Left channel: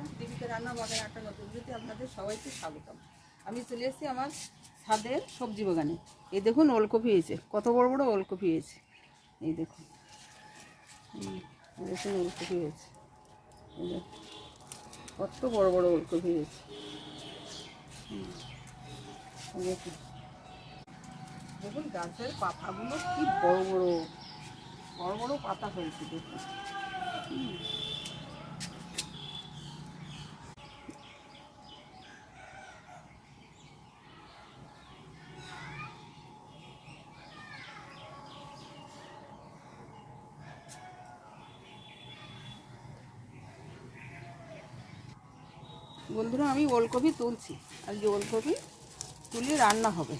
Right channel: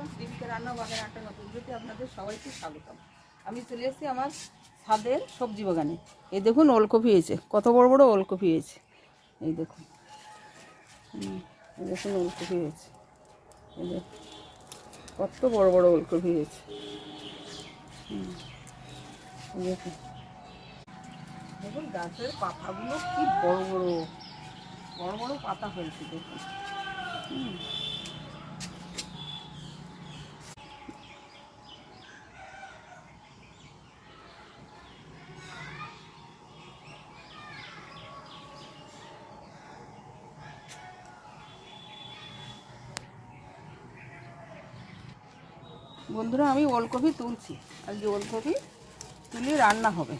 Friends Deepika রান্না বাগানে একটা নতুন ভিডিওতে আপনাদের সবাইকে স্বাগতম। আমি চলে এসেছি আমার ছাদের সবজি বাগানে। এই দেখুন, ওলকপি হয়েছে। কত বড় বড় ওলকপি হয়েছে। এই দেখুন। দেখুন ওলকপি হয়েছে। কত বড় বড় ওলকপি হয়েছে। দেখুন। দেখুন, গাছের পাতাগুলো কি বড় বড় বড় বড় পাতা হয়েছে দেখুন। হুম। বন্ধুরা আমি ওলকপি তুলছি। আজকে ওলকপি তুলে রান্না হবে।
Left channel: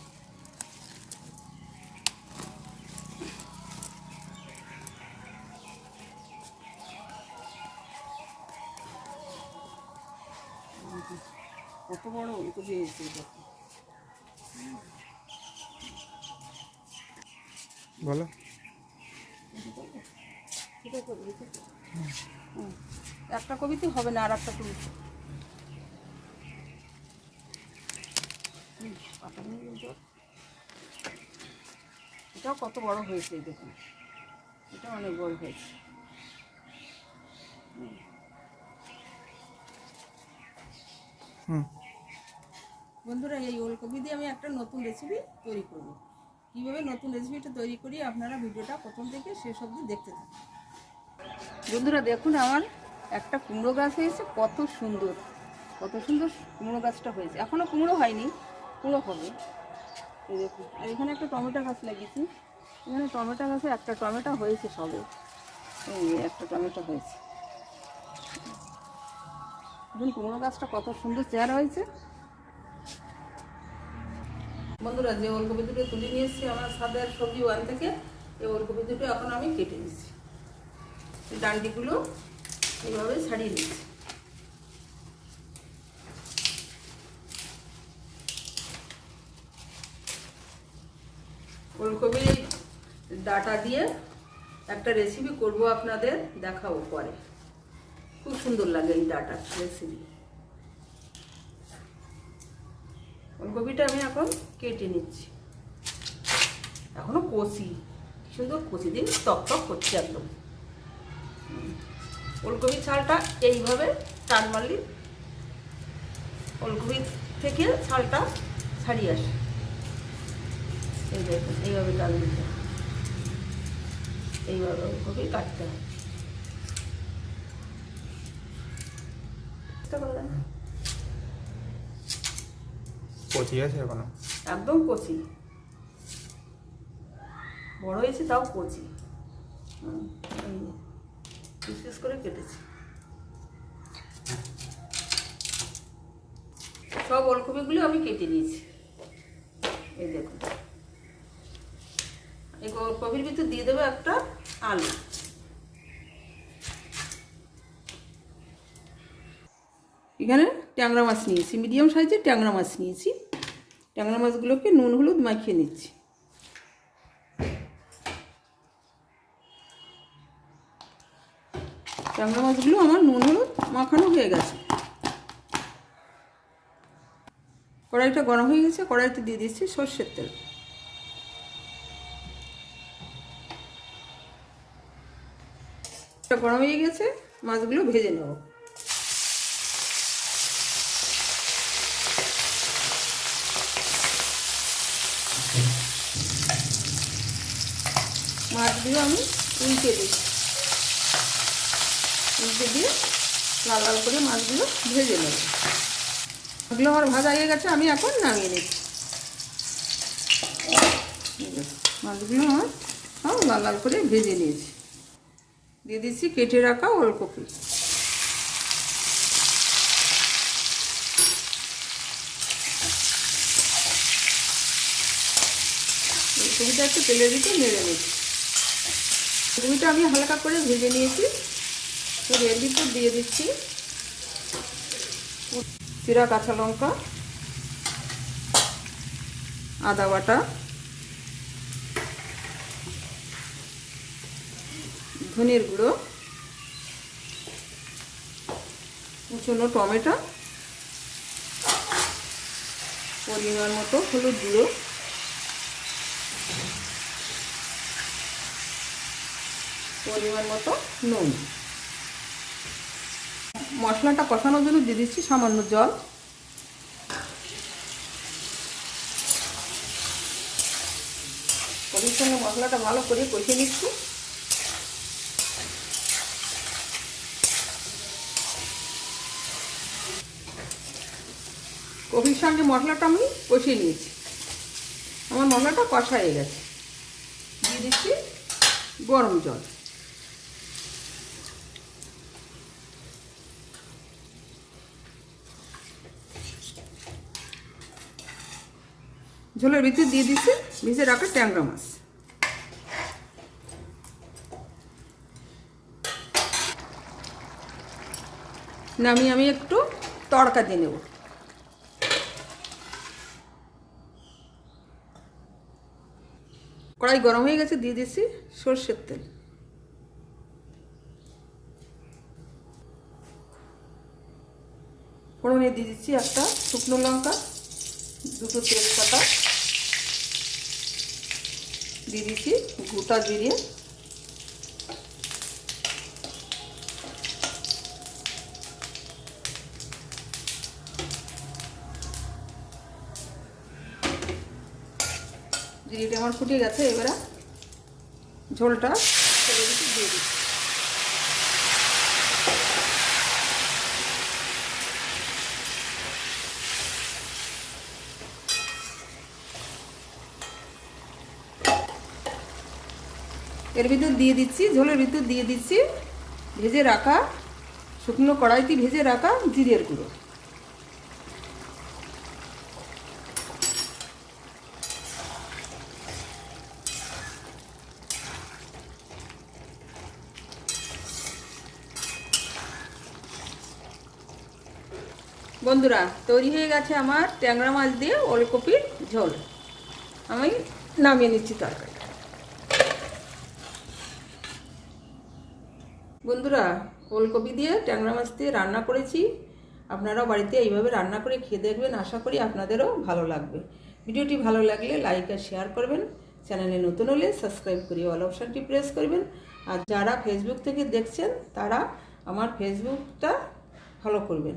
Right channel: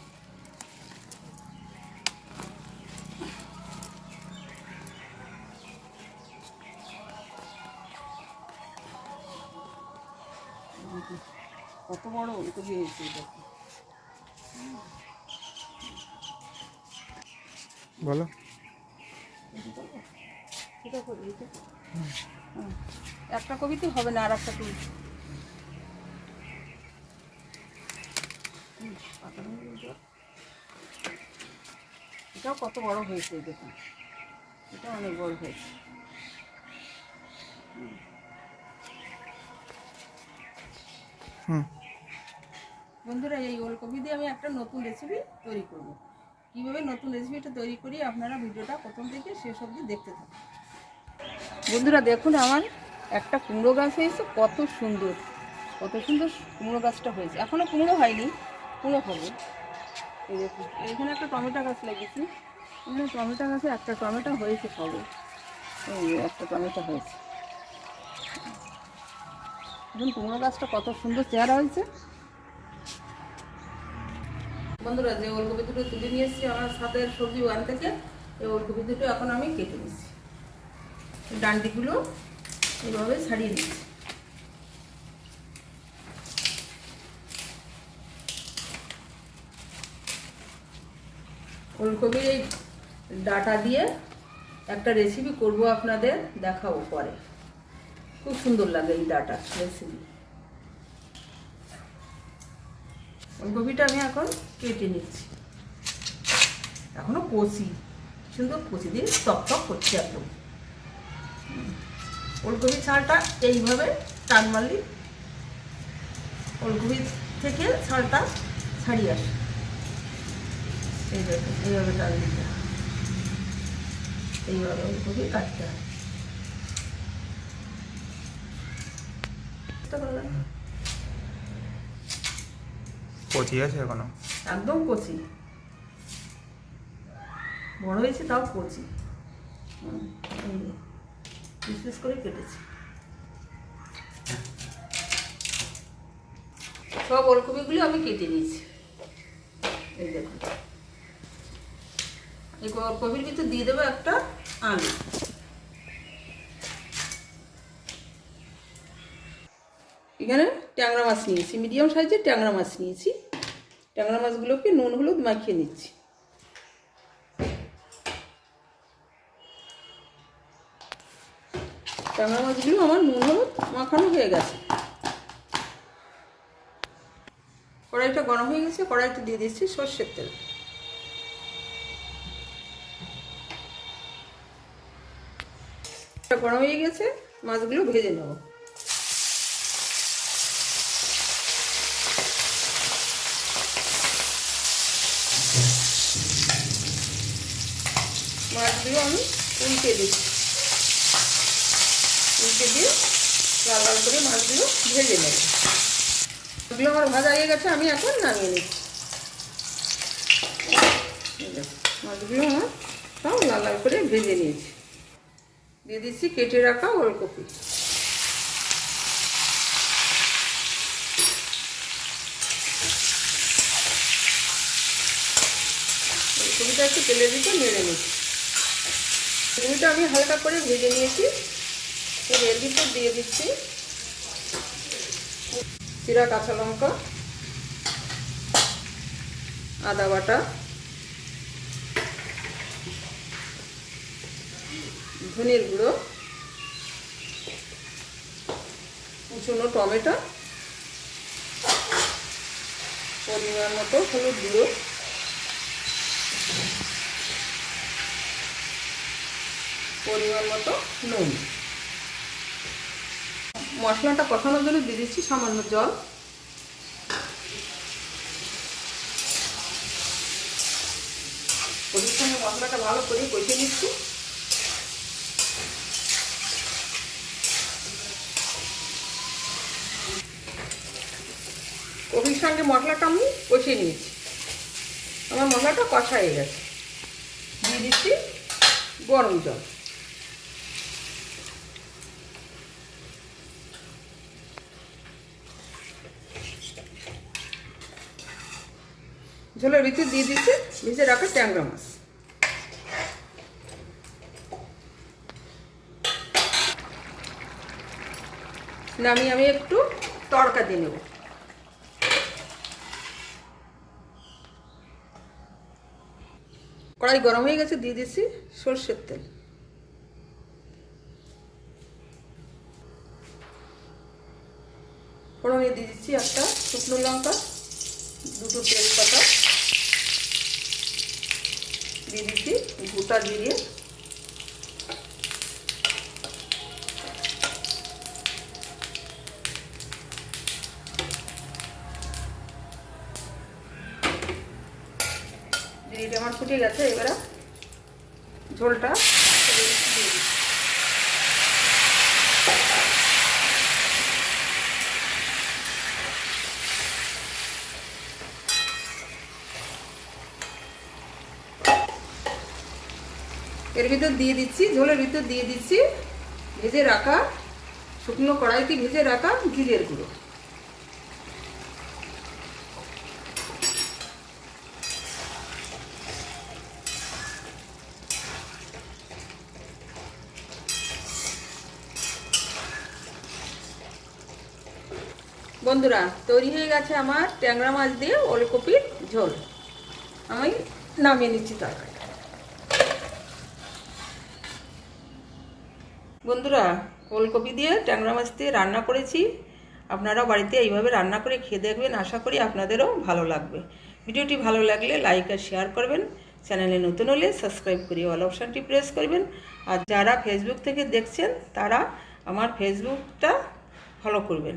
কত বড় ওলকপি হয়েছে দেখো। বলো। হ্যাঁ। একটা কবিতে হবে না আর একটা তুলছি। এটাও কত বড় হয়েছে দেখুন। এটা অনেক বড় হয়েছে। বন্ধুরা এই ওলকপি দিয়ে আমি একটা নতুন রেসিপি তৈরি করব। কীভাবে নতুন রেসিপিটা তৈরি করি আপনারা ভিডিওটা প্রথম থেকে শেষ অবধি দেখতে থাকুন। বন্ধুরা দেখুন আমার একটা কুমড়ো গাছ হয়েছে কত সুন্দর কত সুন্দর কুমড়ো গাছটা হয়েছে। এখনও কুমড়ো হয়নি কুমড়ো হবে। এই দেখুন, আর এখানে একটা টমেটো গাছ লাগিয়েছি। এখানে টমেটো গাছে একটা টমেটো হয়েছে সবে। এই একটা টমেটো হয়েছে। এখন কুমড়ো গাছটা কত সুন্দর চেহারা হয়েছে। বন্ধুরা, যে ওলকপি দুটো তুলে নিয়ে এসেছি আমার সাদের সবজি ওয়ান থেকে, এই ওলকপি দুটো এখন আমি কেটে নিচ্ছি। ডান্ডিগুলো এইভাবে ছাড়িয়ে দিচ্ছি। ওলকপির এই ডাটা দিয়ে একটা রেসিপি করব আপনাদের দেখাবো পরে। খুব সুন্দর লাগে এই ডাটা রেসিপি ফুলকপিটা আমি এখন কেটে নিচ্ছি। এখনও কষি, সুন্দর কষি দিন টক টক করছি একদম। ফুলকপি ছালটা এইভাবে টান মারলি, ফুলকপি থেকে ছালটা ছাড়িয়ে আসে এই দেখুন এইভাবে টান দিতে এইভাবে ফুলকপি কাটতে হয়। কচি আছে এখনও? একদম কচি। বড় হয়েছে তাও কচি। পিস করে কেটেছি। সব ওলকপিগুলো আমি কেটে নিয়েছি। এই দেখুন। এই ওলকপির ভিতর দিয়ে দেবো একটা আলু। এখানে ট্যাংরা মাছ নিয়েছি, মিডিয়াম সাইজের ট্যাংরা মাছ নিয়েছি। ট্যাংরা মাছগুলোকে নুন, হলুদ মাখিয়ে নিচ্ছি। ট্যাংরা মাছগুলো আমার নুন, হলুদ মাখানো হয়ে গেছে। কড়াইটা গরম হয়ে গেছে, কড়াইতে দিয়ে দিচ্ছি সর্ষের তেল। গরম হয়ে গেছে, মাছগুলো ভেজে নেব। মাছগুলো আমি উল্টে দিচ্ছি। উল্টে দিয়ে লাল লাল করে মাছগুলো ভেজে নেব। মাছগুলো আমার ভাজা হয়ে গেছে, আমি এখন নামিয়ে নিচ্ছি। মাছগুলো আমার সব লাল লাল করে ভেজে নিয়েছি। দিয়ে দিচ্ছি, কেটে রাখা ওলকপি। ওলকপিটা একটু তেলের ভিতর নেড়ে নিচ্ছি। ওলকপিটা আমি হালকা করে ভেজে নিয়েছি। এর ভিতর দিয়ে দিচ্ছি। চিরা কাঁচা লঙ্কা, আদা বাটা। ধনের গুঁড়ো, কুচনো টমেটো, পরিমাণ মতো হলুদ গুঁড়ো, পরিমাণ মতো নুন। মশলাটা কষানোর জন্য দিয়ে দিচ্ছি সামান্য জল। মশলাটা ভালো করে কষিয়ে নিচ্ছি। কফির সঙ্গে মশলাটা আমি কষিয়ে নিয়েছি। আমার মশলাটা কষা হয়ে গেছে। দিয়ে দিচ্ছি গরম জল। ঝোলের ভিতরে দিয়ে দিচ্ছি ভিজে রাখা ট্যাংরা মাছ। নামিয়ে আমি একটু তড়কা দিয়ে নেব। কড়াই গরম হয়ে গেছে, দিয়ে দিচ্ছি সর্ষের তেল। ফোড়নে দিয়ে দিচ্ছি একটা শুকনো লঙ্কা, দুটো তেজপাতা। দিয়ে দিচ্ছি গোটা জিরে। জিরেটা আমার ফুটে গেছে, এবারে ঝোলটা দিয়ে দিচ্ছি। এর ভিতর দিয়ে দিচ্ছি, ঝোলের ভিতর দিয়ে দিচ্ছি, ভেজে রাখা শুকনো কড়াইতে ভেজে রাখা জিরের গুঁড়ো। বন্ধুরা, তৈরি হয়ে গেছে আমার ট্যাংরা মাছ দিয়ে ওলকপির ঝোল। আমি নামিয়ে নিচ্ছি তরকারি বন্ধুরা, ওলকপি দিয়ে ট্যাংরা মাছ দিয়ে রান্না করেছি। আপনারা বাড়িতে এইভাবে রান্না করে খেয়ে দেখবেন। আশা করি আপনাদেরও ভালো লাগবে। ভিডিওটি ভালো লাগলে লাইক আর শেয়ার করবেন। চ্যানেলে নতুন হলে সাবস্ক্রাইব করে অল অপশানটি প্রেস করবেন। আর যারা ফেসবুক থেকে দেখছেন, তারা আমার ফেসবুকটা ফলো করবেন।